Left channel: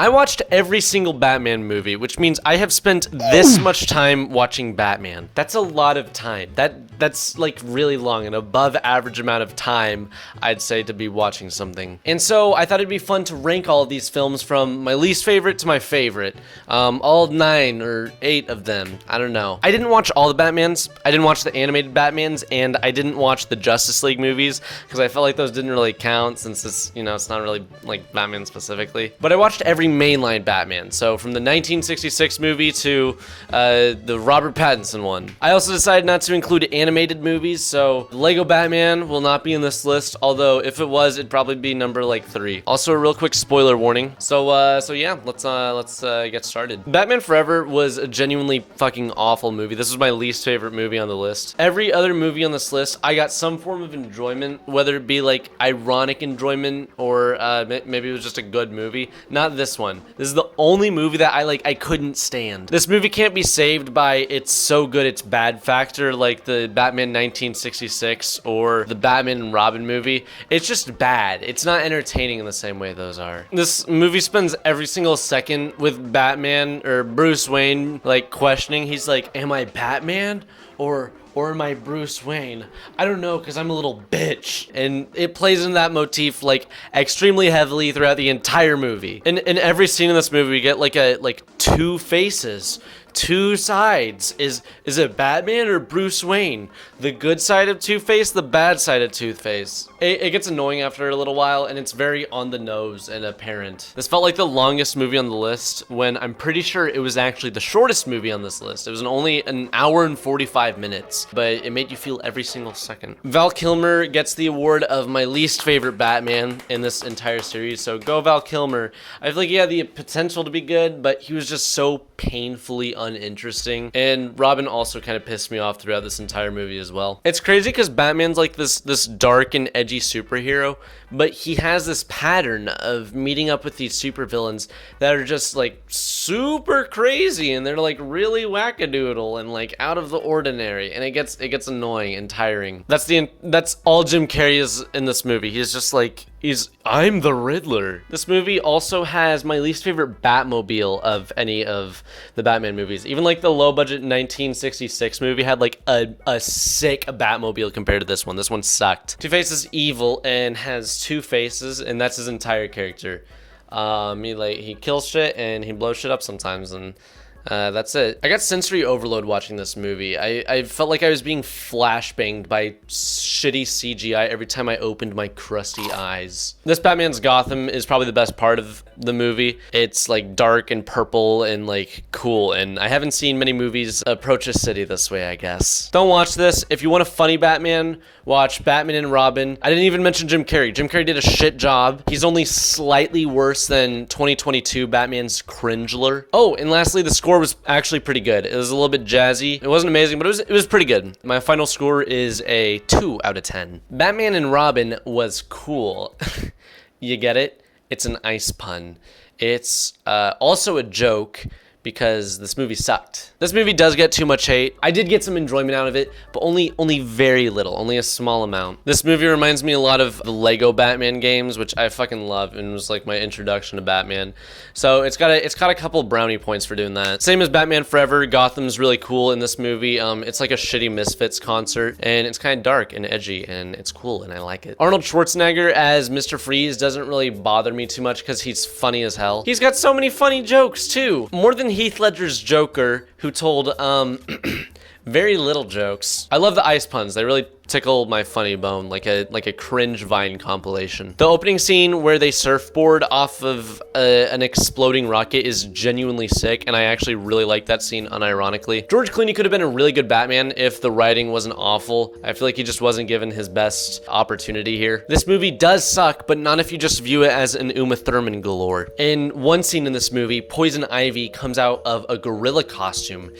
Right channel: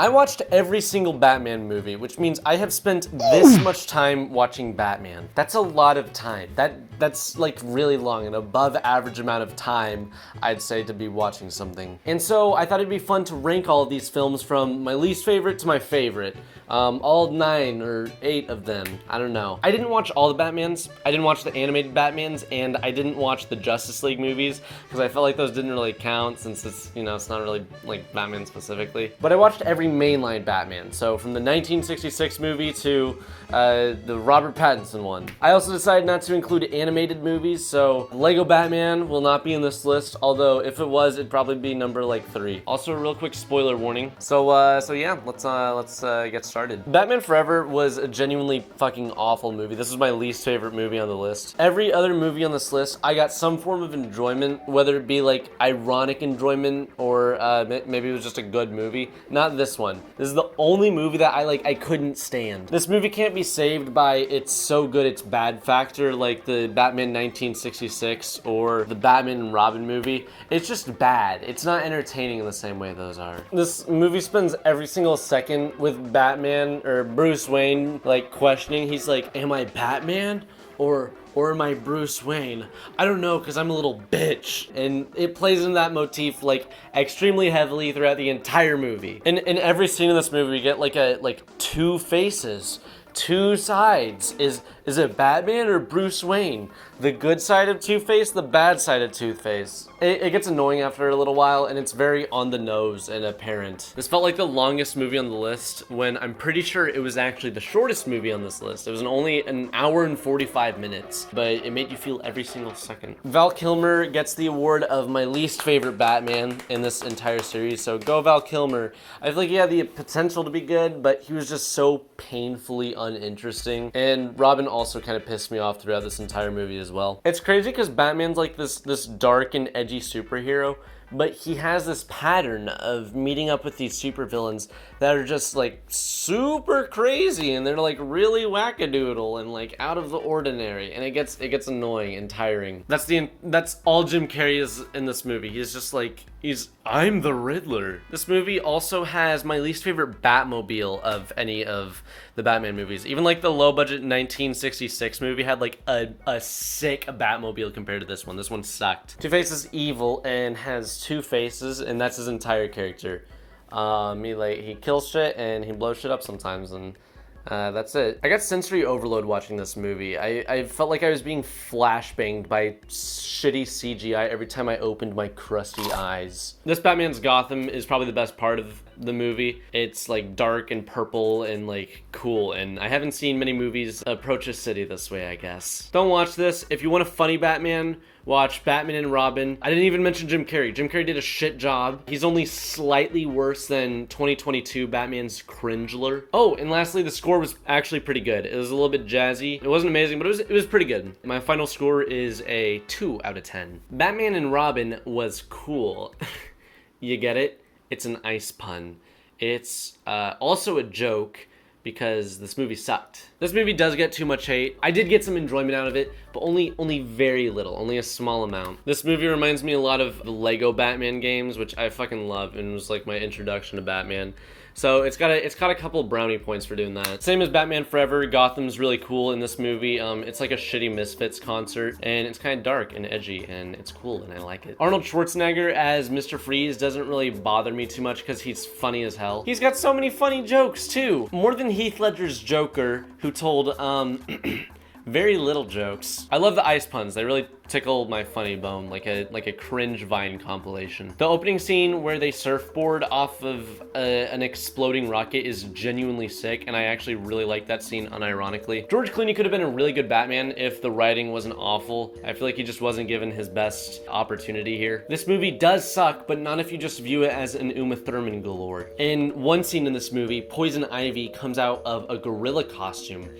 I watched every single Batman movie, which means I have spent this much time watching Batman. That's a lot of time. That's like really long, an above average amount of time, I'd say, to be watching something. And so I thought it'd be fun to rank all of these films from my least favorite to my favorite. All 9 or 8 of them. I don't know. I didn't watch all the Batmans. I didn't watch the animated Batmans, and I didn't watch the Justice League movies because I felt like those didn't really count since it's, you know, it's not really like Batman specifically. But I watched every mainline Batman. So from the 1966 movie to the Robert Pattinson one. I also decided not to include animated movies, so Lego Batman will not be in this list, although if it was, it'd probably be number like 3. Also a real quick spoiler warning. So yeah, let's get started. Batman Forever was a genuinely fucking awful movie. This was my least favorite movie on the list. Every other movie on this list, I got some form of enjoyment, whether it be like ironic enjoyment or maybe it was just a good movie. Not this one. This is the only movie that I couldn't stand. This movie can't be saved by it's so good it's bad factor like the Batman 1966 or the Batman and Robin movie. It's just bad. It's not entertaining in the same way those are. This movie spends every single second with Batman or Bruce Wayne like questioning. He's like, am I Batman or am I Bruce Wayne? I don't know, because I'm a little bitch. And it plays in that motif like extremely heavily throughout the entire movie. And in every scene in this movie, we get like 2 faces. 2 sides. Is it Batman or Bruce Wayne? The good side of Two-Face, the bad side of Two-Face. It gets annoying after a little while, and it's very on the nose and apparent. This felt like the longest movie on the list when I'm pretty sure it was actually the shortest movie on this list. It was only an hour and 45 minutes, but it made you feel every single second. Val Kilmer gets the award of my least favorite Batman in this entire series, so go Val Kilmer. I feel like he had the potential to be good, but he was just so painfully uninteresting. And Robin also kind of pissed me off throughout this entire movie as well. It's crazy because Batman's like this dark and edgy superhero, but he has this pattern of meeting up with these supervillains that are just like super crazy, and they're like really wackadoodle and like out of the ordinary, and it gets annoying and tiring. That's all Jim Carrey is in this movie. He's just like, I'm the Riddler. This movie also has my least favorite Batmobile of any of the Batman movies. Even like the low budget 1966 movie had like a sick Batmobile compared to this one. This one sucked. Two-Face is evil and has 2 faces, and that's his entire character. He kills shit and he blows shit up sometimes, and that's it. I got sensory overload watching this movie. I felt like I was being flashbanged by shitty CGI every time I opened my crusty eyes. This Batman's Gotham is probably the best part of the movie. It's like dark and purple and like cool, and I haven't seen many movies approach a city this way, I guess. Don't watch this. If you want a funny Batman, watch Batman and Robin. I didn't even mention Jim Carrey. Jim Carrey did a shit job. He's only slightly worse than 2022 Batman's Cringler. Oh, and lastly, the score was actually pretty good. It was a little bit jazzy. It wasn't amazing, but it was pretty good. My final score is a 2 out of 10. Batman and Robin was cool. You get it? It's an ice pun. It's also a joke because this movie sucked. This movie does get too much hate. I did get some enjoyment out of it, but only very little, only a small amount. This movie reminds me a lot of the Lego Batman games, which I fucking love and was like my introduction to Batman. So it's got a couple brownie points for doing that. Same as Batman Forever, Gotham's really cool in this movie. It's like a shitty Misfits concert, and it's kind of dark and edgy, and it's cool, and I like it. Arnold Schwarzenegger as Mr. Freeze doesn't really bother me too much because he's funny as hell. He's got so many funny jokes too. More than Heath Ledger's Joker, who told very little jokes. I love the ice puns. They really tickle my funny bone, like a cringe Vine compilation. The opening scene where they surfboard off of an exploding rocket is genuinely sick, and I actually really like that scene unironically. George Clooney could have been a really good Batman if the writing wasn't awful. I feel like he just wasn't given his best opportunity here. This movie does suck, but not if you just view it as an Uma Thurman galore. In one scene in this movie, Poison Ivy comes out of a gorilla costume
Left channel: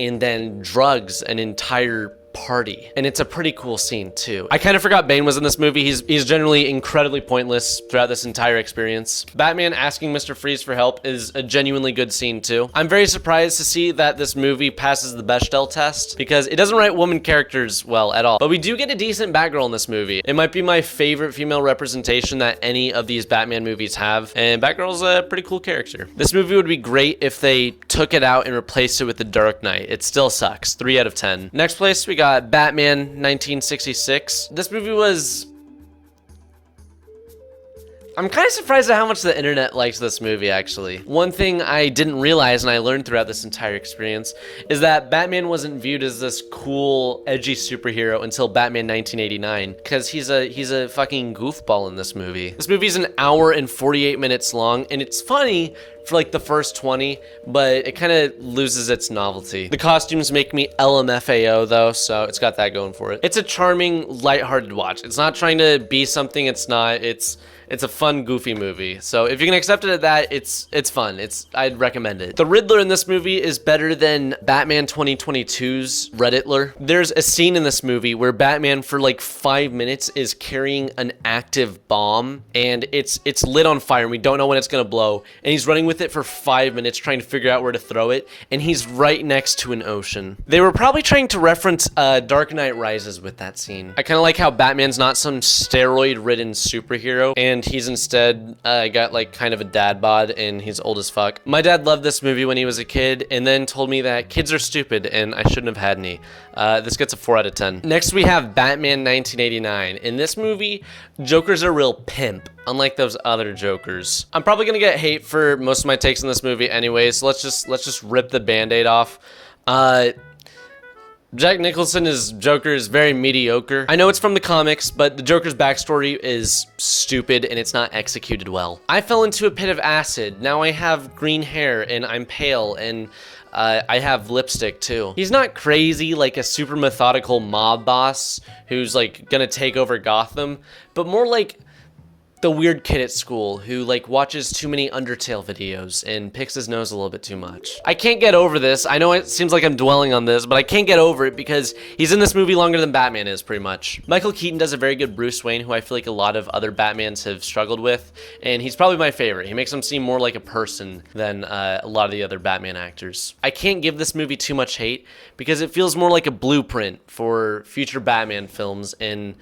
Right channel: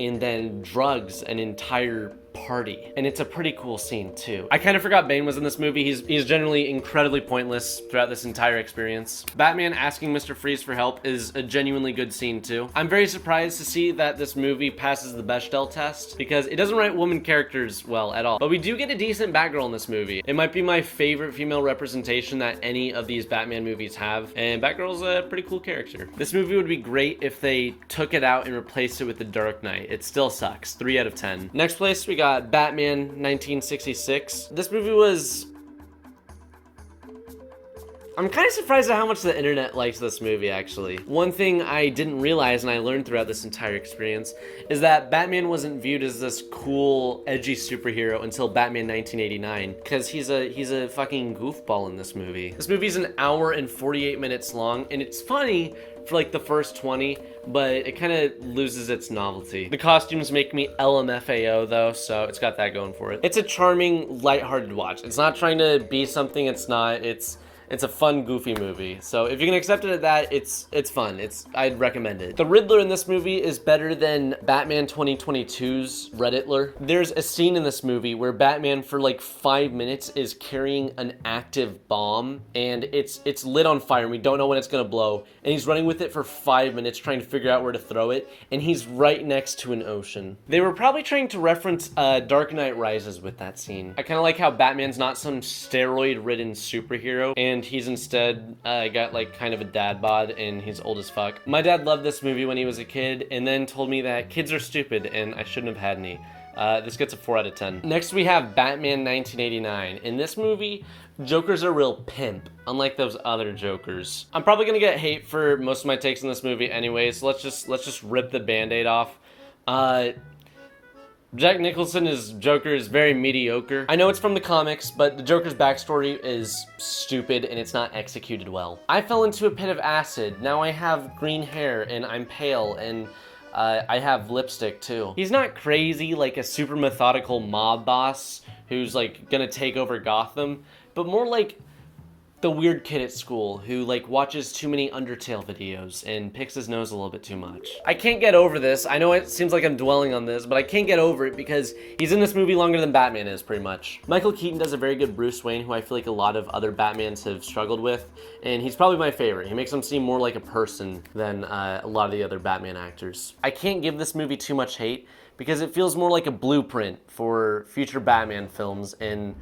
and then drugs an entire party, and it's a pretty cool scene too. I kind of forgot Bane was in this movie. He's generally incredibly pointless throughout this entire experience. Batman asking Mr. Freeze for help is a genuinely good scene too. I'm very surprised to see that this movie passes the Bechdel test because it doesn't write woman characters well at all. But we do get a decent Batgirl in this movie. It might be my favorite female representation that any of these Batman movies have, and Batgirl's a pretty cool character. This movie would be great if they took it out and replaced it with The Dark Knight. It still sucks. 3 out of 10. Next place, we got Batman 1966. This movie was... I'm kind of surprised at how much the internet likes this movie, actually. One thing I didn't realize and I learned throughout this entire experience is that Batman wasn't viewed as this cool, edgy superhero until Batman 1989, because he's a fucking goofball in this movie. This movie's an hour and 48 minutes long, and it's funny for like the first 20, but it kind of loses its novelty. The costumes make me LMFAO though, so it's got that going for it. It's a charming, lighthearted watch. It's not trying to be something it's not. It's a fun, goofy movie. So if you can accept it at that, it's fun. I'd recommend it. The Riddler in this movie is better than Batman 2022's Redditler. There's a scene in this movie where Batman for like 5 minutes is carrying an active bomb, and it's lit on fire and we don't know when it's gonna blow. And he's running with it for 5 minutes trying to figure out where to throw it, and he's right next to an ocean. They were probably trying to reference Dark Knight Rises with that scene. I kind of like how Batman's not some steroid-ridden superhero, and he's instead got like kind of a dad bod and he's old as fuck. My dad loved this movie when he was a kid and then told me that kids are stupid and I shouldn't have had any. This gets a 4 out of 10. Next we have Batman 1989. In this movie, Joker's a real pimp, unlike those other Jokers. I'm probably gonna get hate for most of my takes in this movie anyway, so let's just rip the band-aid off. Jack Nicholson's Joker is very mediocre. I know it's from the comics, but the Joker's backstory is stupid and it's not executed well. I fell into a pit of acid. Now I have green hair and I'm pale and I have lipstick too. He's not crazy like a super methodical mob boss who's like gonna take over Gotham, but more like the weird kid at school who like watches too many Undertale videos and picks his nose a little bit too much. I can't get over this. I know it seems like I'm dwelling on this, but I can't get over it because he's in this movie longer than Batman is, pretty much. Michael Keaton does a very good Bruce Wayne, who I feel like a lot of other Batmans have struggled with, and he's probably my favorite. He makes him seem more like a person than a lot of the other Batman actors. I can't give this movie too much hate because it feels more like a blueprint for future Batman films and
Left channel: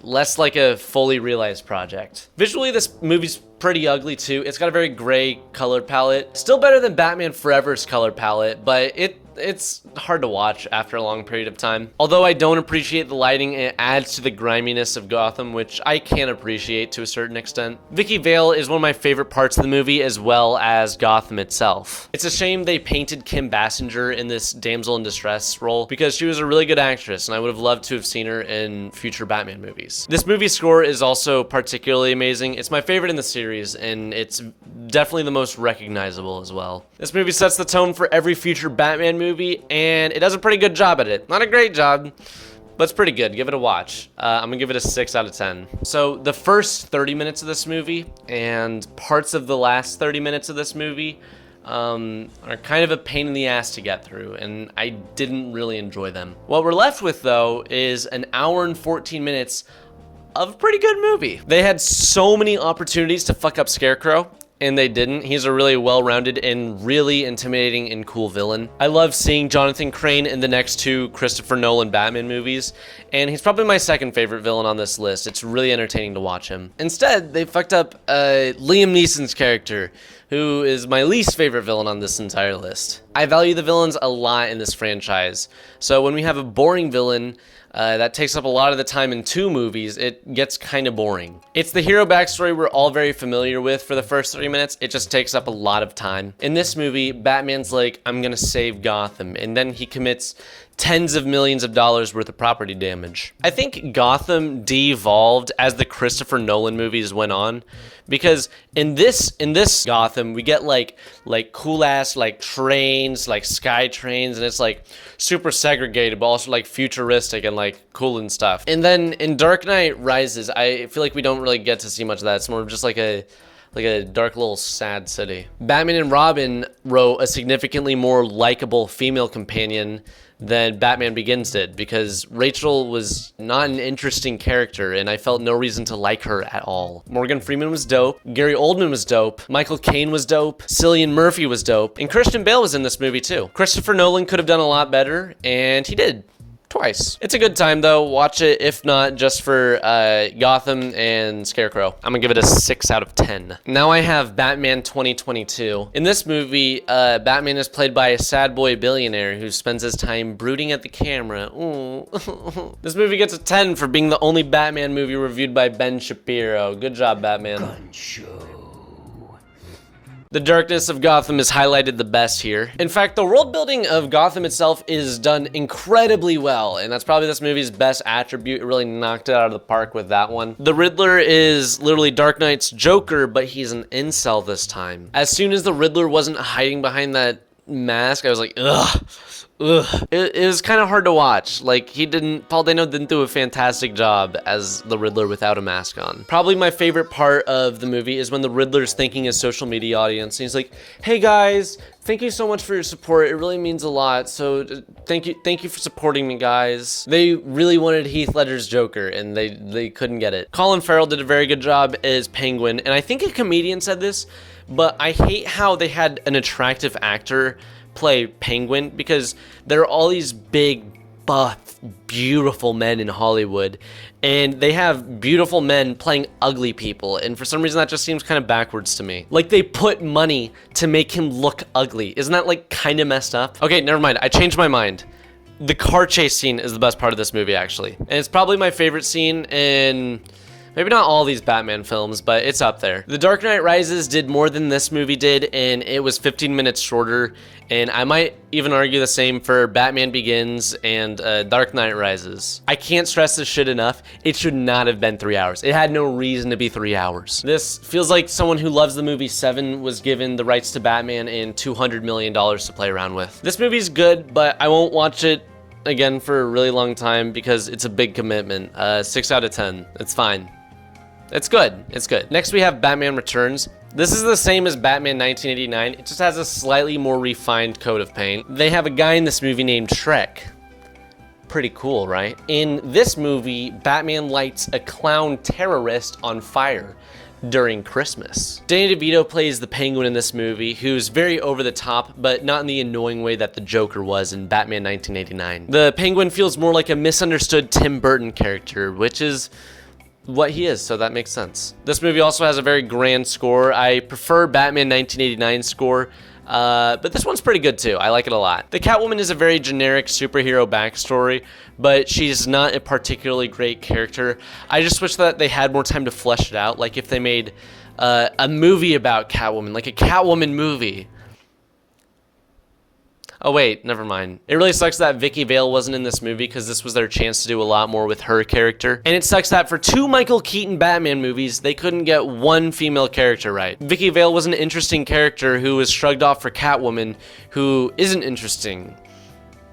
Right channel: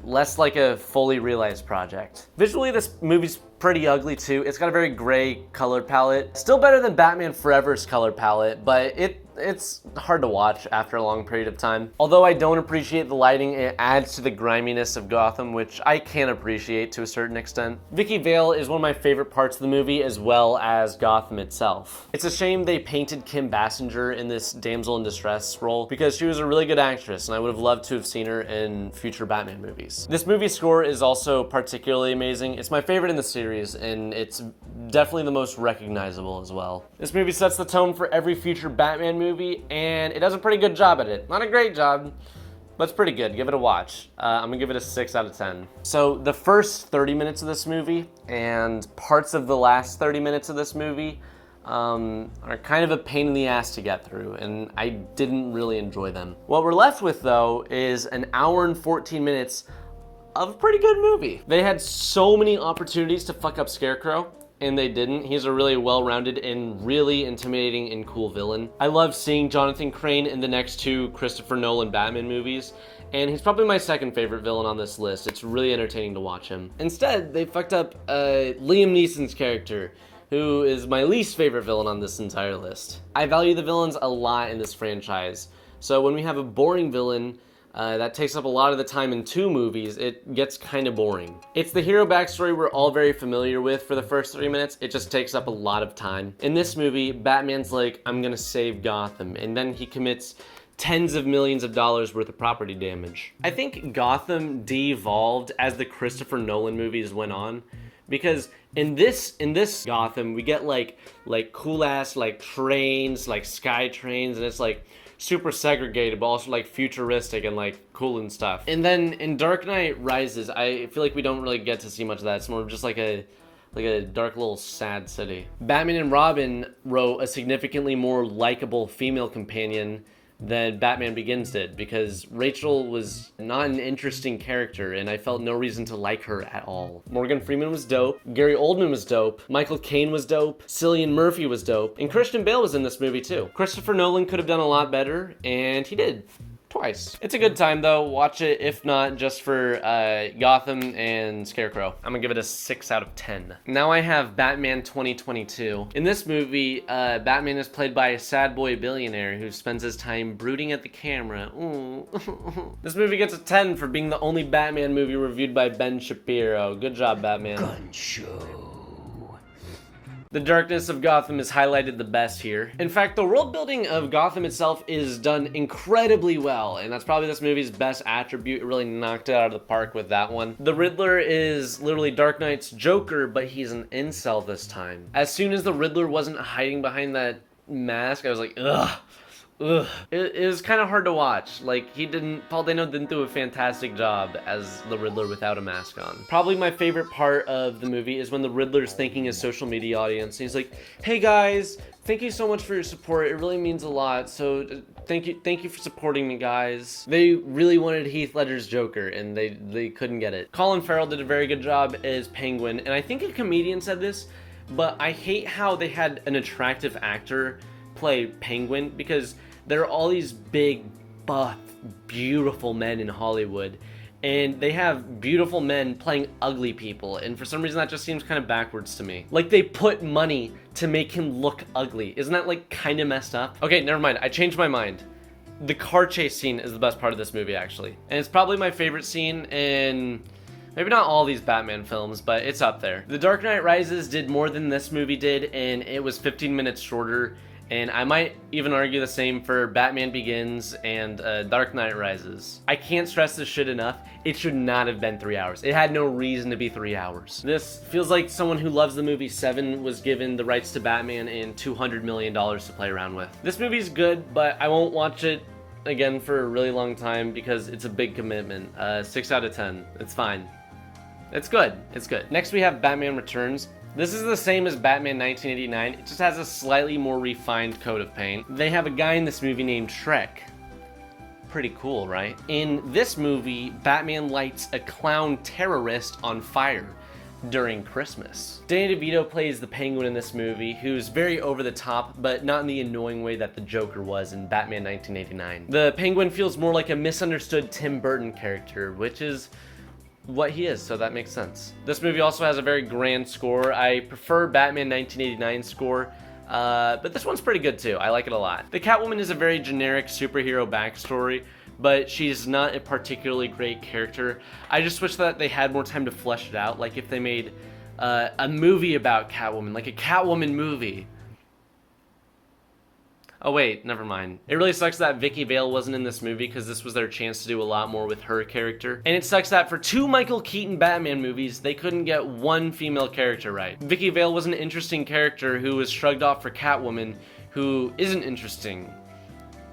less like a fully realized project. Visually, this movie's pretty ugly too. It's got a very gray color palette. Still better than Batman Forever's color palette, but it's hard to watch after a long period of time. Although I don't appreciate the lighting, it adds to the griminess of Gotham, which I can appreciate to a certain extent. Vicky Vale is one of my favorite parts of the movie, as well as Gotham itself. It's a shame they painted Kim Basinger in this damsel in distress role, because she was a really good actress, and I would have loved to have seen her in future Batman movies. This movie's score is also particularly amazing. It's my favorite in the series, and it's definitely the most recognizable as well. This movie sets the tone for every future Batman movie, and it does a pretty good job at it. Not a great job, but it's pretty good. Give it a watch. I'm gonna give it a 6 out of 10. So the first 30 minutes of this movie and parts of the last 30 minutes of this movie are kind of a pain in the ass to get through, and I didn't really enjoy them. What we're left with, though, is an hour and 14 minutes of a pretty good movie. They had so many opportunities to fuck up Scarecrow, and they didn't. He's a really well-rounded and really intimidating and cool villain. I love seeing Jonathan Crane in the next 2 Christopher Nolan Batman movies, and he's probably my second favorite villain on this list. It's really entertaining to watch him. Instead, they fucked up Liam Neeson's character, who is my least favorite villain on this entire list. I value the villains a lot in this franchise, so when we have a boring villain that takes up a lot of the time in 2 movies, it gets kind of boring. It's the hero backstory we're all very familiar with for the first 30 minutes. It just takes up a lot of time. In this movie, Batman's like, I'm gonna save Gotham, and then he commits tens of millions of dollars worth of property damage. I think Gotham de-evolved as the Christopher Nolan movies went on, because in this Gotham, we get like cool ass like trains, like sky trains, and it's like super segregated, but also like futuristic and like cool and stuff. And then in Dark Knight Rises, I feel like we don't really get to see much of that. It's more just like a dark little sad city. Batman and Robin wrote a significantly more likable female companion than Batman Begins did, because Rachel was not an interesting character and I felt no reason to like her at all. Morgan Freeman was dope, Gary Oldman was dope, Michael Caine was dope, Cillian Murphy was dope, and Christian Bale was in this movie too. Christopher Nolan could have done a lot better, and he did. Twice. It's a good time though. Watch it, if not just for Gotham and Scarecrow. I'm gonna give it a 6 out of 10. Now I have Batman 2022. In this movie, Batman is played by a sad boy billionaire who spends his time brooding at the camera. Ooh. This movie gets a 10 for being the only Batman movie reviewed by Ben Shapiro. Good job, Batman. Gun show. The darkness of Gotham is highlighted the best here. In fact, the world building of Gotham itself is done incredibly well, and that's probably this movie's best attribute. It really knocked it out of the park with that one. The Riddler is literally Dark Knight's Joker, but he's an incel this time. As soon as the Riddler wasn't hiding behind that mask, I was like, ugh. It was kind of hard to watch. Like, Paul Dano didn't do a fantastic job as the Riddler without a mask on. Probably my favorite part of the movie is when the Riddler's thanking his social media audience. And he's like, hey guys, thank you so much for your support. It really means a lot. So thank you for supporting me, guys. They really wanted Heath Ledger's Joker and they couldn't get it. Colin Farrell did a very good job as Penguin. And I think a comedian said this, but I hate how they had an attractive actor play Penguin, because there are all these big, buff, beautiful men in Hollywood, and they have beautiful men playing ugly people, and for some reason that just seems kind of backwards to me. Like, they put money to make him look ugly. Isn't that like kind of messed up? Okay, never mind. I changed my mind. The car chase scene is the best part of this movie, actually, and it's probably my favorite scene in maybe not all these Batman films, but it's up there. The Dark Knight Rises did more than this movie did, and it was 15 minutes shorter. And I might even argue the same for Batman Begins and Dark Knight Rises. I can't stress this shit enough. It should not have been 3 hours. It had no reason to be 3 hours. This feels like someone who loves the movie Seven was given the rights to Batman and $200 million to play around with. This movie's good, but I won't watch it again for a really long time because it's a big commitment. 6 out of 10. It's fine. It's good. It's good. Next we have Batman Returns. This is the same as Batman 1989. It just has a slightly more refined coat of paint. They have a guy in this movie named Shrek. Pretty cool, right? In this movie, Batman lights a clown terrorist on fire during Christmas. Danny DeVito plays the Penguin in this movie, who's very over the top, but not in the annoying way that the Joker was in Batman 1989. The Penguin feels more like a misunderstood Tim Burton character, which is what he is, so that makes sense. This movie also has a very grand score. I prefer Batman 1989 score, but this one's pretty good too. I like it a lot. The Catwoman is a very generic superhero backstory, but she's not a particularly great character. I just wish that they had more time to flesh it out. Like if they made a movie about Catwoman, like a Catwoman movie. Oh wait, never mind. It really sucks that Vicky Vale wasn't in this movie because this was their chance to do a lot more with her character. And it sucks that for 2 Michael Keaton Batman movies, they couldn't get one female character right. Vicky Vale was an interesting character who was shrugged off for Catwoman, who isn't interesting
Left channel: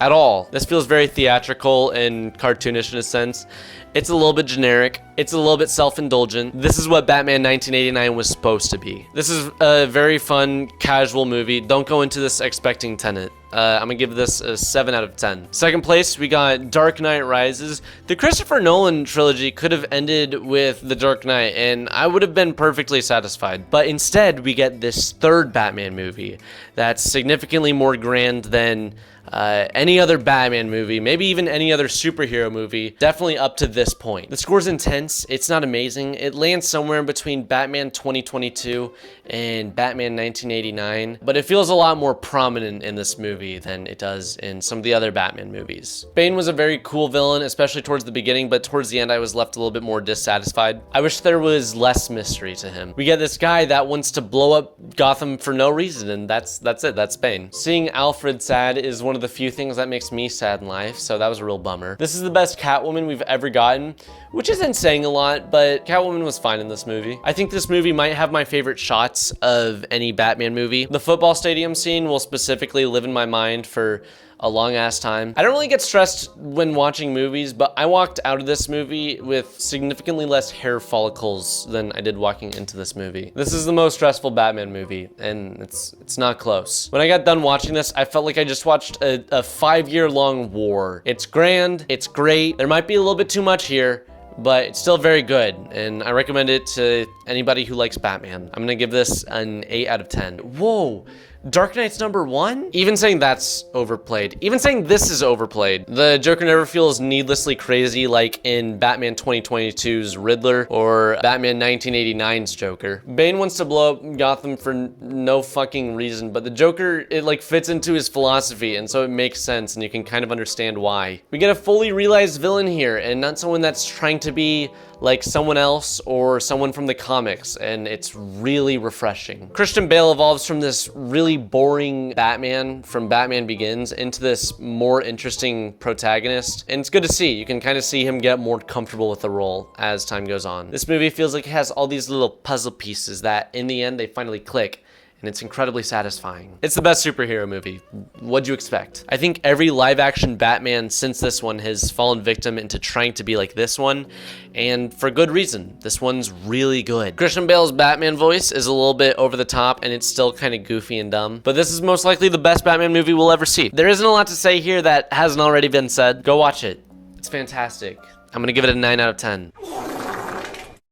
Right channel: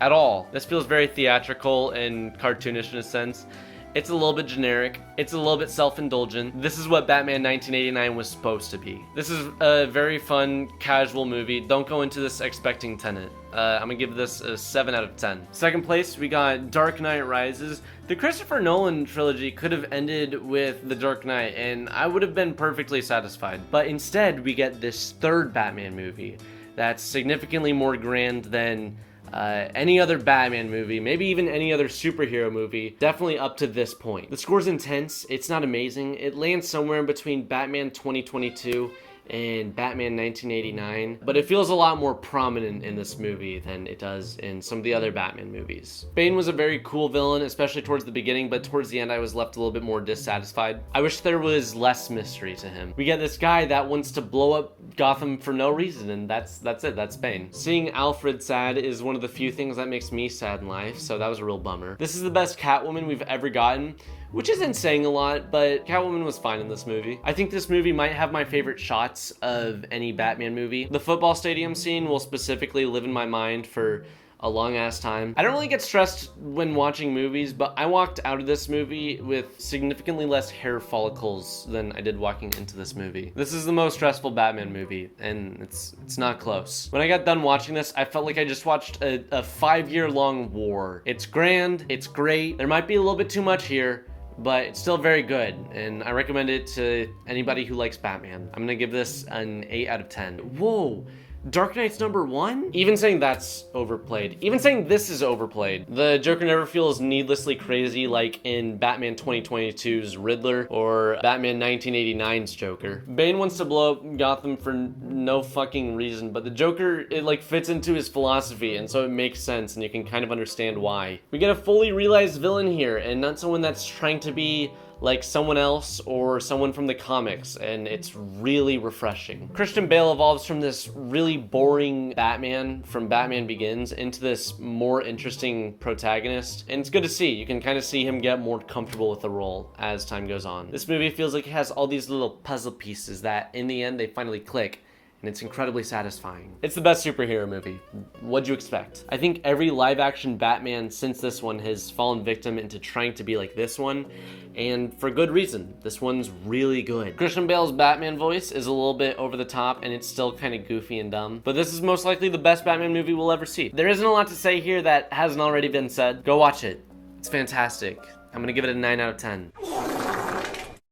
at all. This feels very theatrical and cartoonish in a sense. It's a little bit generic. It's a little bit self-indulgent. This is what Batman 1989 was supposed to be. This is a very fun, casual movie. Don't go into this expecting Tenet. I'm gonna give this a 7 out of 10. Second place, we got Dark Knight Rises. The Christopher Nolan trilogy could have ended with The Dark Knight, and I would have been perfectly satisfied. But instead, we get this third Batman movie that's significantly more grand than any other Batman movie, maybe even any other superhero movie, definitely up to this point. The score's intense. It's not amazing. It lands somewhere in between Batman 2022 and Batman 1989, but it feels a lot more prominent in this movie than it does in some of the other Batman movies. Bane was a very cool villain, especially towards the beginning, but towards the end I was left a little bit more dissatisfied. I wish there was less mystery to him. We get this guy that wants to blow up Gotham for no reason, and that's it. That's Bane. Seeing Alfred sad is one of the few things that makes me sad in life, so that was a real bummer. This is the best Catwoman we've ever gotten, which isn't saying a lot, but Catwoman was fine in this movie. I think this movie might have my favorite shots of any Batman movie. The football stadium scene will specifically live in my mind for a long ass time. I don't really get stressed when watching movies, but I walked out of this movie with significantly less hair follicles than I did walking into this movie. This is the most stressful Batman movie, and it's not close. When I got done watching this, I felt like I just watched a 5-year-long war. It's grand, it's great. There might be a little bit too much here, but it's still very good, and I recommend it to anybody who likes Batman. I'm gonna give this an 8 out of 10. Whoa. Dark Knight's #1? Even saying that's overplayed. Even saying this is overplayed. The Joker never feels needlessly crazy like in Batman 2022's Riddler or Batman 1989's Joker. Bane wants to blow up Gotham for no fucking reason, but the Joker, it like fits into his philosophy, and so it makes sense, and you can kind of understand why. We get a fully realized villain here, and not someone that's trying to be like someone else or someone from the comics, and it's really refreshing. Christian Bale evolves from this really boring Batman from Batman Begins into this more interesting protagonist, and it's good to see. You can kind of see him get more comfortable with the role as time goes on. This movie feels like it has all these little puzzle pieces that in the end they finally click, and it's incredibly satisfying. It's the best superhero movie. What'd you expect? I think every live-action Batman since this one has fallen victim into trying to be like this one, and for good reason. This one's really good. Christian Bale's Batman voice is a little bit over the top, and it's still kind of goofy and dumb, but this is most likely the best Batman movie we'll ever see. There isn't a lot to say here that hasn't already been said. Go watch it. It's fantastic. I'm gonna give it a 9 out of 10.